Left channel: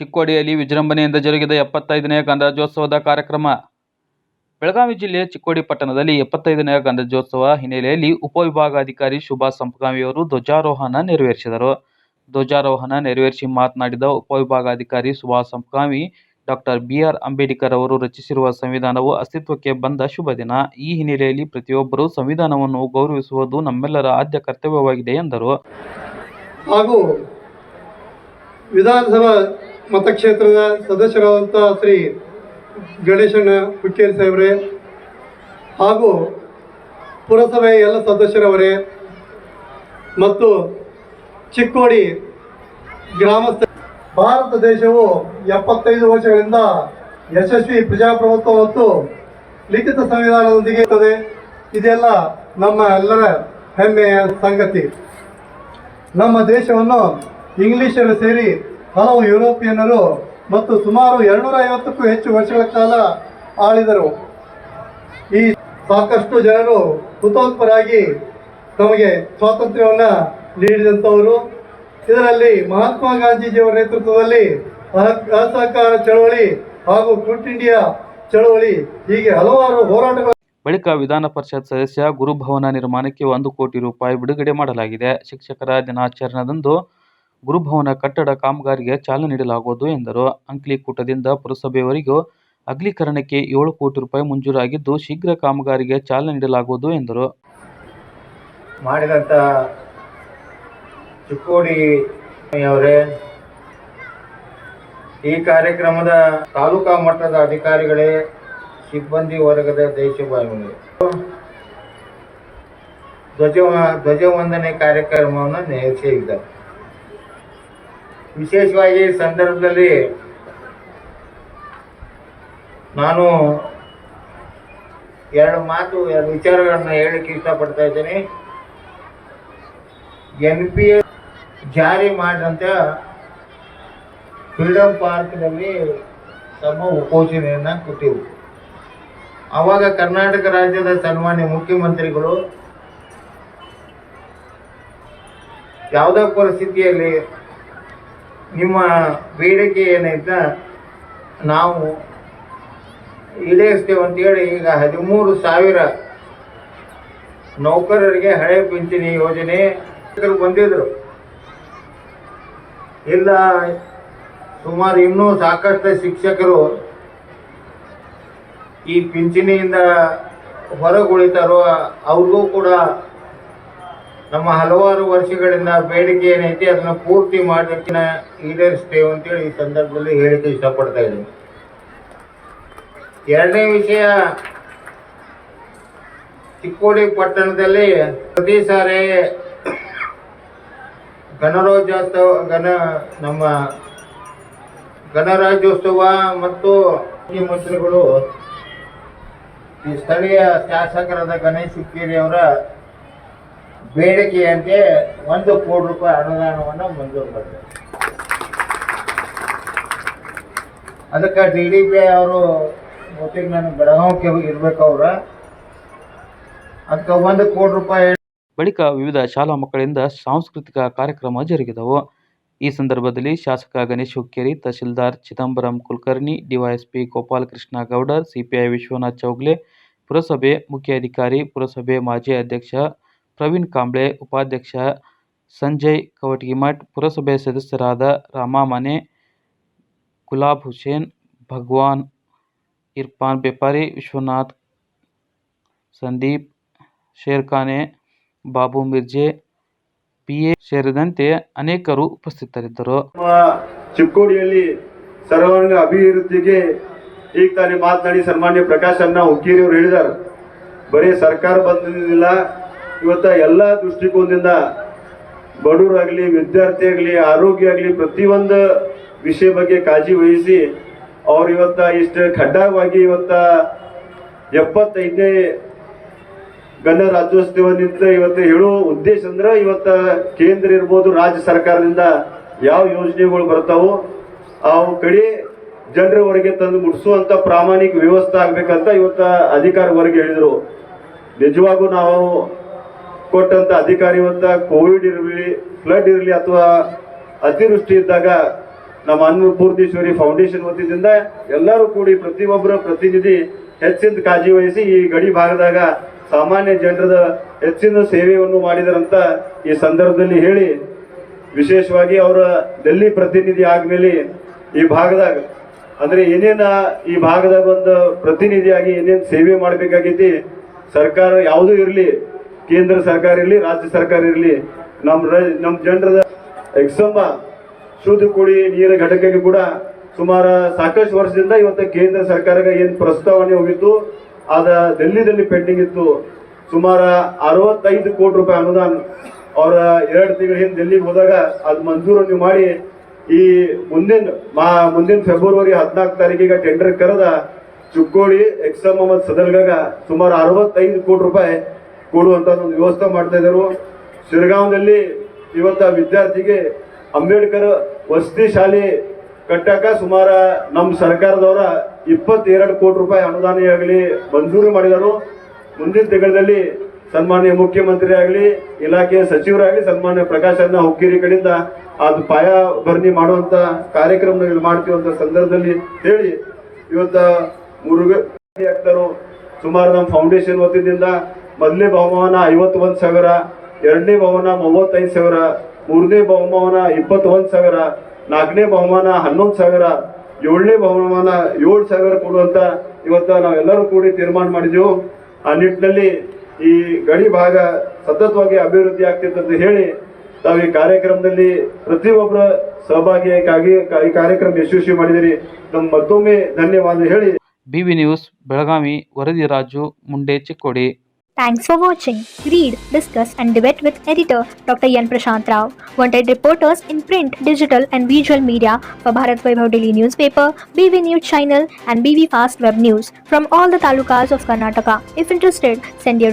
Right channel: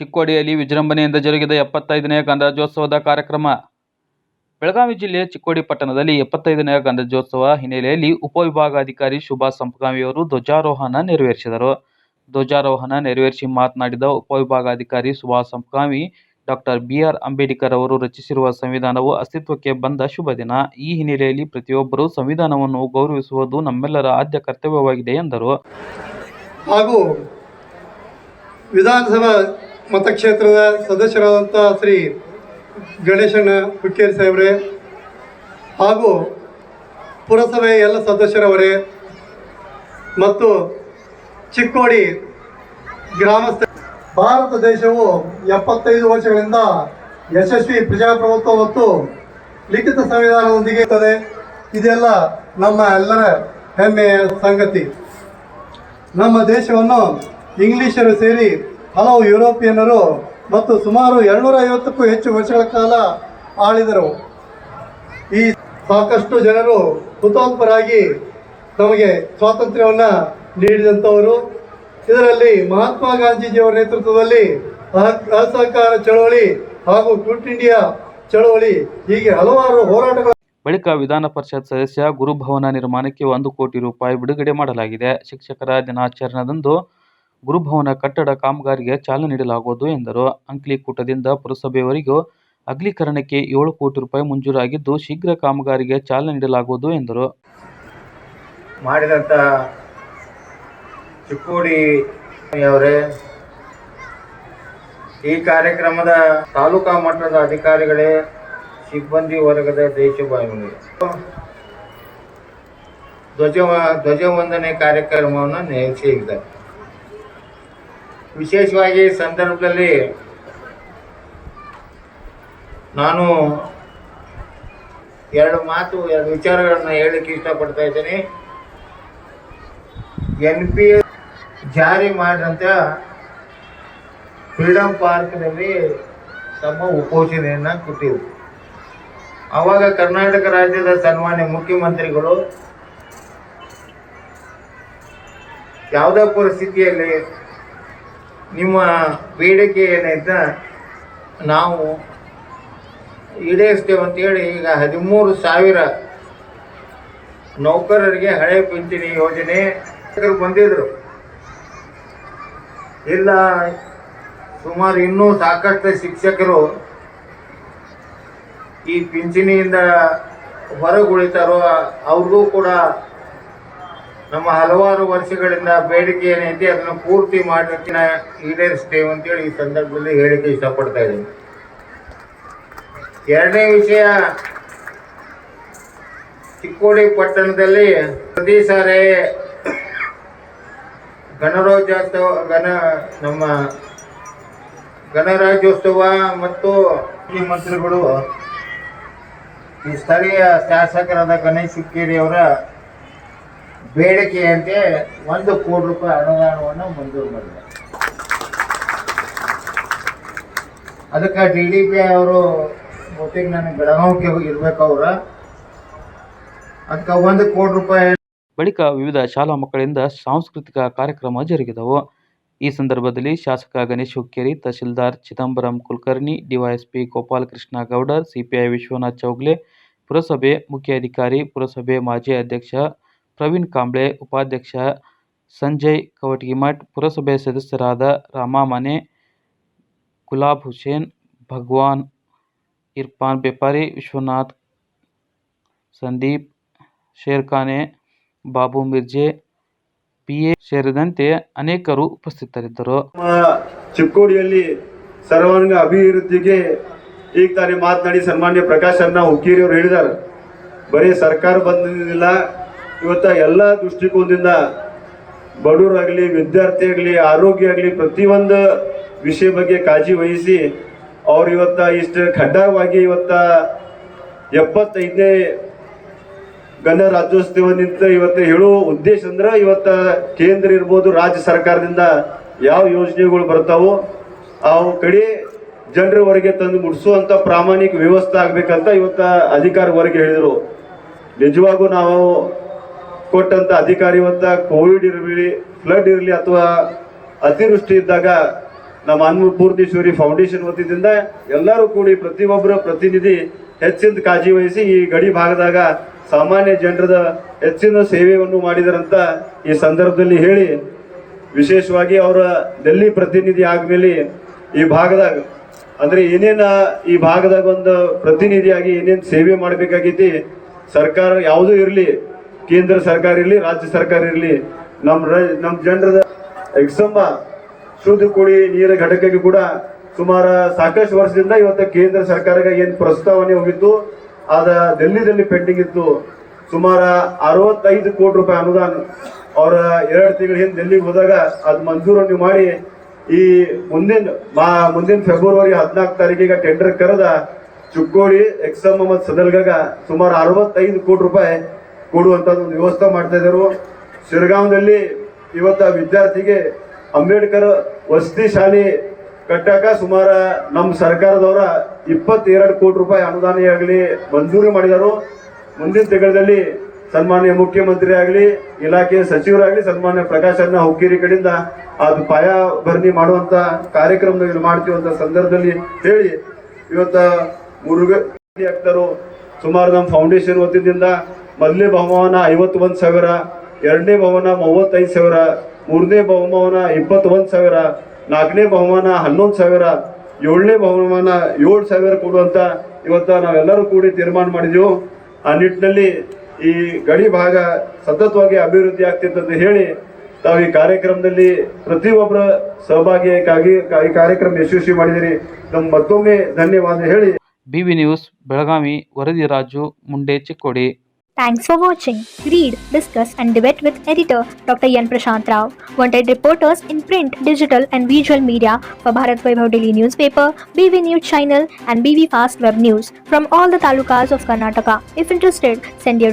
ಚಿಕ್ಕೋಡಿಯಲ್ಲಿ ವಿಜೃಂಭಣೆಯಿಂದ ಜರುಗಿದ 75ನೇ ಗಣರಾಜ್ಯೋತ್ಸವದ ಕಾರ್ಯಕ್ರಮ. ಬೆಳಗಾವಿ ಜಿಲ್ಲೆಯ ಚಿಕ್ಕೋಡಿ ಪಟ್ಟಣದಲ್ಲಿ 75ನೇ ಗಣರಾಜ್ಯೋತ್ಸವ ಹಿನ್ನೆಲೆಯಲ್ಲಿ ಉಪವಿಭಾಗಾಧಿಕಾರಿ ಶುಭಾ ಸಂಪಗಾಮಿಯವರು ಧ್ವಜಾರೋಹಣ ನೆರವೇರಿಸಿದರು. ಧ್ವಜಾರೋಹಣ ನೆರವೇರಿಸಿ ಮಾತನಾಡಿದ ಉಪವಿಭಾಗಾಧಿಕಾರಿ ಶುಭಾ ಸಂಪಗಾಮಿ, ಡಾಕ್ಟರ್ ಬಿ.ಆರ್. ಅಂಬೇಡ್ಕರ್ ಅವರು ರಚಿಸಿರುವ ಸಂವಿಧಾನವು ಅಸ್ತಿತ್ವಕ್ಕೆ ಬಂದ ಶುಭ ದಿನ. ಈ ಹಿನ್ನೆಲೆಯಲ್ಲಿ ಪ್ರತಿಯೊಬ್ಬರೂ ಸಂವಿಧಾನವನ್ನು ಗೌರವಿಸುವುದು ನಮ್ಮೆಲ್ಲರ ಆದ್ಯ ಕರ್ತವ್ಯವಾಗಿದೆ ಎಂದರು. ಹಾಗೂ ವಿಧಾನಸಭಾ ಮತಕ್ಷೇತ್ರದ ಸದಸ್ಯರಾದಂಥ ಶ್ರೀ ಗಣೇಶನ ಹುಕ್ಕೇರಿ ಸಾಹೇಬ್ರೆ ಹಾಗೂ ಪುರಸಭೆಯ ಎಲ್ಲ ಸದಸ್ಯರವರೇ ಮತ್ತು ಚಿಕ್ಕೋಡಿ ಗ್ರಾಮಸ್ಥ, ಭಾರತ ದೇಶವು 75 ವರ್ಷಗಳಿಂದ ಯಶಸ್ವಿ ಪ್ರಜಾಪ್ರಭುತ್ವ ಮತ್ತು ಲಿಖಿತ ಸಂವಿಧಾನದೊಂದಿಗೆ ಇರುತ್ತದೆ. ಇದೆಲ್ಲ ನಮ್ಮ ಎಲ್ಲರ ಹೆಮ್ಮೆಯ ಸಂಗತಿ. ನಮ್ಮ ದೇಶವನ್ನು ಇಂಗ್ಲಿಷರು ಸೇರಿ ಹಲವು ಯುರೋಪಿಯನ್ನರು ಮತ್ತು ಸುಮಾರು 250ಕ್ಕೂ ಹೆಚ್ಚು ವರ್ಷಗಳ ಕಾಲ ಆಳಿದರು. ಈ ಸಾಕಷ್ಟು ಜನರು ಹುತಾತ್ಮರಾಗಿ ನಮಗೆ ಸ್ವಾತಂತ್ರ್ಯವನ್ನು ನೀಡಿದಂಥವರು. ಇದರಲ್ಲಿ ಮಹಾತ್ಮ ಗಾಂಧೀಜಿಯವರ ನೇತೃತ್ವದಲ್ಲಿ ಅಸಹಕಾರ ಚಳವಳಿ ಹಾಗೂ ಕ್ವಿಟ್ ಇಂಡಿಯಾ ಚಳವಳಿ ಹೀಗೆ ಹಲವಾರು ಹೋರಾಟಗಳು. ಬಳಿಕ ವಿಧಾನ ಪರಿಷತ್ ಸದಸ್ಯ ಗುರುಭವನ ನಿರ್ಮಾಣಕ್ಕೆ 1 ಕೋಟಿ ರೂಪಾಯಿ ಬಿಡುಗಡೆ ಮಾಡಲಾಗಿದೆ. ಶಿಕ್ಷಕರ ದಿನಾಚರಣೆದಂದು ಗುರುಭವನ ಕಟ್ಟಡ ಕಾಮಗಾರಿಗೆ ಚಾಲನೆ ನೀಡಲಾಗುವುದು ಎಂದರು. ಅಂಕ್ಲಿಕೂಟದಿಂದ ಪುರಸಭೆಯವರೆಗೂ ಅಗಲೀಕರಣಕ್ಕೆ 7 ಕೋಟಿ ರೂಪಾಯಿ ಮಂಜೂರಾಗಿದ್ದು ಶೀಘ್ರ ಕಾಮಗಾರಿಗೆ ಚಾಲನೆ ನೀಡಲಾಗುವುದು ಎಂದರು. ಮಾಡಿದಂಥ ಚಿಕ್ಕೋಡಿಯವರೇ, ಈ ಕಾರ್ಯಕ್ರಮದ ತಾಲೂಕಾ ಮಟ್ಟದ ಅಧಿಕಾರಿಗಳೇ, ಸಿಬ್ಬಂದಿ ವರ್ಗದ ದೇಶಭಾವಿಗಳೇ, ಧ್ವಜವಂದನೆ ಕಾರ್ಯಕ್ರಮವನ್ನು ನಡೆಸಿದ್ದಾರೆ. ವಿಶೇಷವಾಗಿ ಈ ಸಂದರ್ಭದಲ್ಲಿ ನಾನು ಎರಡು ವಿಚಾರಗಳನ್ನು ಹೇಳಲಿಕ್ಕೆ ಇಷ್ಟಪಡ್ತಾ ಇದ್ದೇನೆ. NPA ಜಾರಿ ಮಾಡಿದಂಥ ಫ್ರೀಡಮ್ ಪಾರ್ಕ್ನಲ್ಲಿ ತಮ್ಮ ಉಪೋಷಣೆಯನ್ನು ಕೊಟ್ಟಿರು. ಆವಾಗ ಕರ್ನಾಟಕ ರಾಜ್ಯದ ಸನ್ಮಾನ್ಯ ಮುಖ್ಯಮಂತ್ರಿಗಳು ಯಾವುದೇ ಪರಿಸ್ಥಿತಿಯಲ್ಲಿ ನಿಮ್ಮ ಬೇಡಿಕೆ ಏನೈತ ನಾವು ಈಡೇರಿಸ್ತೇವೆ ಅಂತೇಳಿ ಈಗ 13,000 ನೌಕರರಿಗೆ ಹಳೆ ಪಿಂಚಣಿ ಯೋಜನೆ ಬಂದಿದ್ರು. ಇಲ್ಲ, ಸುಮಾರು ಇನ್ನೂ ಸಾಕಷ್ಟು ಶಿಕ್ಷಕರು ಈ ಪಿಂಚಣಿಯಿಂದ ಹೊರಗುಳಿತಾರೋ ಅವ್ರಿಗೂ ಕೂಡ ನಮ್ಮ ಹಲವಾರು ವರ್ಷಗಳಿಂದ ಬೇಡಿಕೆ ಏನೈತಿ ಅದನ್ನು ಪೂರ್ತಿ ಮಾಡೋದನ್ನ ಈಡೇರಿಸ್ತೇವೆ ಅಂತೇಳಿ ಈ ಸಂದರ್ಭದಲ್ಲಿ ಹೇಳಿಕೆ ಇಷ್ಟಪಡ್ತಾ ಇದ್ದೀನಿ. ಎರಡನೇ ವಿಷಯ, ಚಿಕ್ಕೋಡಿ ಪಟ್ಟಣದಲ್ಲಿ ಪ್ರತಿ ಸಾರಿ ನಮ್ಮ ಗಣರಾಜ್ಯೋತ್ಸವ ಮತ್ತು ಮುಖ್ಯಮಂತ್ರಿಗಳು ಈ ಸ್ಥಳೀಯ ಶಾಸಕರಾದ ಗಣೇಶ್ ಹುಕ್ಕೇರಿ ಅವರ ಬೇಡಿಕೆಯಂತೆ 1 ಕೋಟಿ ರೂಪಾಯಿ ಅನುದಾನವನ್ನು ಮಂಜೂರು ಮಾಡಿದ್ದಾರೆ. ಅದಕ್ಕೆ DDP ಅವರು ಒಟ್ಟಿಗೆ ನಾನು ಬೆಳಗಾವಿಗೆ ಇರಬೇಕು, ಅದಕ್ಕೆ 1 ಕೋಟಿ ರೂಪಾಯಿ. ಬಳಿಕ ವಿವಿಧ ಶಾಲಾ ಮಕ್ಕಳಿಂದ ಸಾಂಸ್ಕೃತಿಕ ಕಾರ್ಯಕ್ರಮ ಜರುಗಿದವು. ಈ ಸಂದರ್ಭದಲ್ಲಿ ಶಾಸಕ ಗಣೇಶ್ ಹುಕ್ಕೇರಿ, ತಹಶೀಲ್ದಾರ್ ಚಿದಂಬರಂ ಕುಲಕರ್ಣಿ, DYSP ಗೋಪಾಲಕೃಷ್ಣ ಗೌಡರ್, CPI ವಿಶ್ವನಾಥ್ ಚೌಗ್ಲೆ, ಪುರಸಭೆ ಮುಖ್ಯ ಅಧಿಕಾರಿ, ಪುರಸಭೆ ಮಾಜಿ ಅಧ್ಯಕ್ಷ ಪ್ರವೀಣ್ ಕಾಂಬ್ಳೆ, ಉಪಾಧ್ಯಕ್ಷ ಸಂಜಯ್ ಕವಟಗಿಮಠ್, ಪುರಸಭೆ ಸದಸ್ಯರಾದ ರಾಮಾ ಮನೆ, ಗುಲಾಬ್ ಹುಸೇನ್, ಭಗವಾನ್, ಇರ್ಫಾನ್ ಬೆಪಾರಿ, ವಿಶ್ವನಾಥ್, ಸಂದೀಪ್ ಶೇರ್ಖಾನೆ, ಬಾಬು ಮಿರ್ಜೆ, PA ಸೇರಿದಂತೆ ಅನೇಕರು ಉಪಸ್ಥಿತರಿದ್ದರು. ಚಿಕ್ಕೋಡಿಯಲ್ಲಿ ಸರ್ವಾಂಗ ಅಭಿವೃದ್ಧಿಗೆ ಈಗ ತಾನೇ ಮಾತನಾಡಿ ಸನ್ಮಾನ್ಯ ಪ್ರಕಾಶ್ ಅಣ್ಣ ಹುಕ್ಕೇರಿ ಅವರು ಹೇಳಿದ್ದಾರೆ, ಬರೀ ಸರ್ಕಾರ ಬಂದಿಲ್ಲ, ಇವತ್ತ ಎಲ್ಲ ದೃಷ್ಟಿಕೋನದಿಂದ ಬಡವರಾಗಲಿ, ವಿದ್ಯಾರ್ಥಿ ಆಗಲಿ, ಆರೋಗ್ಯ ಆಗಲಿ, ಪ್ರತಿಯೊಂದು ವಿಷಯ ಬಗ್ಗೆ ಕಾಳಜಿ ವಹಿಸಿ ಅವ್ರು ಇವತ್ತ ಇಷ್ಟು ಖಡ್ಡವಾಗಿ ಇವತ್ತ 75ನೇ ಗಣರಾಜ್ಯೋತ್ಸವ ನಿಂತ ಇವತ್ತು ಹೇಳೋ ಉದ್ದೇಶ ಅಂದ್ರೆ ಇವತ್ತ ಕೇಂದ್ರ ಇರ್ಬೋದು, ರಾಜ್ಯ ಸರ್ಕಾರದಿಂದ ಯಾವ ಯೋಜನೆಗಳು ಬರ್ತಾವೋ ಅವು ಕಡೆ ಜನರವರೆಗೆ ತಂದು ಮುಡಿಸುವಂತ ಪ್ರಾಮಾಣಿಕ ವ್ಯವಸ್ಥೆ ಆಗ್ಬೇಕಂತ ಇವತ್ತ ಅಧಿಕಾರಿವರೆಗೆ ಹೇಳಿದರು. ನಿಜವಾಗೂ ನಾವು ಕೊಟ್ಟಂತ ಅಧಿಕಾರಿ ಇವತ್ತ ಕೋವಿಡ್ ಇರಲಿ, ಫ್ಲಡ್ ಇರಲಿ ಅಥವಾ ಅತಿವೃಷ್ಟಿ ಇದ್ದಾಗ ನಮ್ಮ ಅನ್ನಪೂರ್ಣೇಶ್ವರಿ ಫೌಂಡೇಶನ್ ವತಿಯಿಂದ ಎಲ್ಲರೂ ಕೂಡಿ ಪ್ರತಿಯೊಬ್ಬರ ಪ್ರತಿನಿಧಿ ಹೆಚ್ಚಿನ ಕಾಳಜಿ ವಹಿಸಿ ಈ ಗಡಿ ಭಾಗದಾಗ ಸಾಮಾನ್ಯ ಜನರದ ಹೆಚ್ಚಿನ ಸೇವೆಯನ್ನು ಮಾಡಿದರಂತ ಈ ಸಂದರ್ಭದಲ್ಲಿ ಹೇಳಿ, ವಿಶೇಷವಾಗಿ ಅವರ ಡೆಲ್ಲಿ ಪ್ರತಿನಿಧಿ ಆದ್ಮೇಲೆ ಈ ಭಾಗದಾಗ ಅಂದ್ರೆ ಏನೇನ ಈ ಭಾಗದಾಗ ಒಂದು ಪ್ರತಿನಿಧಿಯಾಗಿ ಏನೇನು ಸೇವೆ ಮಾಡಬೇಕಾಗೈತಿ, ಸರ್ಕಾರ ಯಾವುದೂ ಇರಲಿ, ಕೇಂದ್ರ ಸರ್ಕಾರ ಇರಲಿ, ರಾಜ್ಯ ಸರ್ಕಾರ ಇರಲಿ, ನಮ್ಮ ಜನರದ ಎಕ್ಸಂಬ ಶುದ್ಧ ಕುಡಿ ನೀರಿನ ಘಟಕಕ್ಕೆ ಕೂಡ ಸುಮಾರು ಸಾಕಷ್ಟು ವರ್ಷದಿಂದ ಇವತ್ತು ಕೇಂದ್ರ ಸರ್ಕಾರಕ್ಕೆ ಏನು ಪ್ರಸ್ತಾವನೆ ಹೋಗಿತ್ತು ಅದ ಡೆಲ್ಲಿದಲ್ಲಿ ಪೆಂಡಿಂಗ್ ಇತ್ತು. ಸುಮಾರು 65 ಕೋಟಿ ರೂಪಾಯಿ ಅನುದಾನ ಅವರ 2 ತಿಂಗಳ ಹಿಂದೆ ಡೆಲ್ಲಿಗೆ ಹೋದಾಗ ಅದು ಮಂಜೂರನ್ನು ಮಾಡಿ ಈ ಮುಂದಿನ ಫೆಬ್ರವರಿ 14 ತಾರೀಕಿಗೆ ಟೆಂಡರ್ ಕರೆದ ಚಿಕ್ಕೋಡಿ ಎಕ್ಸಮ್ ಮತ್ತು ಸದಲ್ಗಾಗ ಸುಮಾರು 65 ಕೋಟಿ ರೂಪಾಯಿ ಕೊಡುವಂತ ಒಂದು ವ್ಯವಸ್ಥೆ ಮಾಡ್ತಾ ಇದ್ದಾರೆ. ಶಿರಗಾಂವದಲ್ಲಿ ಇವತ್ತ ವಿದ್ಯಾರ್ಥಿಗೆ ಅಂಬೇಡ್ಕರ್ ವಸತಿ ಶಾಲೆ ಕಟ್ಟಾಕ ಸುಮಾರು ನಮ್ಮ ಸರ್ಕಾರದವರ 22 ಕೋಟಿ ರೂಪಾಯಿ ಅನುದಾನ ಆಗಲಿ ಮಂಜೂರು ಮಾಡಿದರು. ಮುಂದಿನ ತಿಂಗಳಲ್ಲಿ ಸನ್ಮಾನ್ಯ ಮುಖ್ಯಮಂತ್ರಿ ಆಗಲಿ, ಇಲಾಖೆಯ ಸಚಿವರಾಗಲಿ, ಸನ್ಮಾನ್ಯ ಪ್ರಕಾಶ್ ಅಣ್ಣ ಹುಕ್ಕೇರಿ ಕಡೆಯಿಂದ ಅದು ಪಾಯಭರಣಿ ಮಾಡುವಂತ ಕಾರ್ಯಕ್ರಮ ಮಾಡ್ತೀವಿ ಅಂತ ಸಂದರ್ಭದಲ್ಲಿ ಹೇಳಿ, ಇವತ್ತ ಮುರುಘಾ ಆಗ್ತಾರೋ ಸುಮಾರು ನಮ್ಮ ಫೌಂಡೇಶನ್ ವತಿಯಿಂದ ಮೊದಲನೇ ಬಹುಮಾನ 51,000, ಎರಡನೇ ಬಹುಮಾನ 35,000, ಮೂರನೇ ಬಹುಮಾನ 21,000, ನಾಲ್ಕನೇ ಬಹುಮಾನ 11,000, ಏಳನೇ ಬಹುಮಾನ 7,000 ಕೊಡುವಂತ ಇವತ್ತ ನಾವೆಲ್ಲರೂ ಕೂಡಿ ತೀರ್ಮಾನ ಮಾಡಿದೆವು. ಆ ನಿಟ್ಟಿನಲ್ಲಿ ಈ ಗಡಿ ಭಾಗ ಸತತವಾಗಿ ಅಭಿವೃದ್ಧಿ ಆಗ್ತಿತ್ತಂತ ಹೇಳಿ ತಾವು ಈ ಕಾರ್ಯಕ್ರಮದಲ್ಲಿ ಪ್ರತಿಯೊಬ್ಬರ ಸಹಭಾಗಿಯಾಗಿ ಈ ಕಾರ್ಯಕ್ರಮ ಯಶಸ್ವಿ ಮಾಡಿದಿರಿ. ನಮ್ಮ ಮತ್ತೊಮ್ಮೆ ಧನ್ಯವಾದ ಹೇಳಿ BV ನ್ಯೂಸ್ ಬೆಳಗಾವಿ, ವರದಿ ರಾಜು ಮುಂಡೆ, Chikkodi. Thanks for watching. Read, discuss and debate with editor Dr. Yan Prashant Rao. Wanted reporters in print, digital and visual media for Bharat Vaibhav Daily Newspaper, BV News Channel and BV Fast Web News from all the talukas of Karnataka. If interested, send your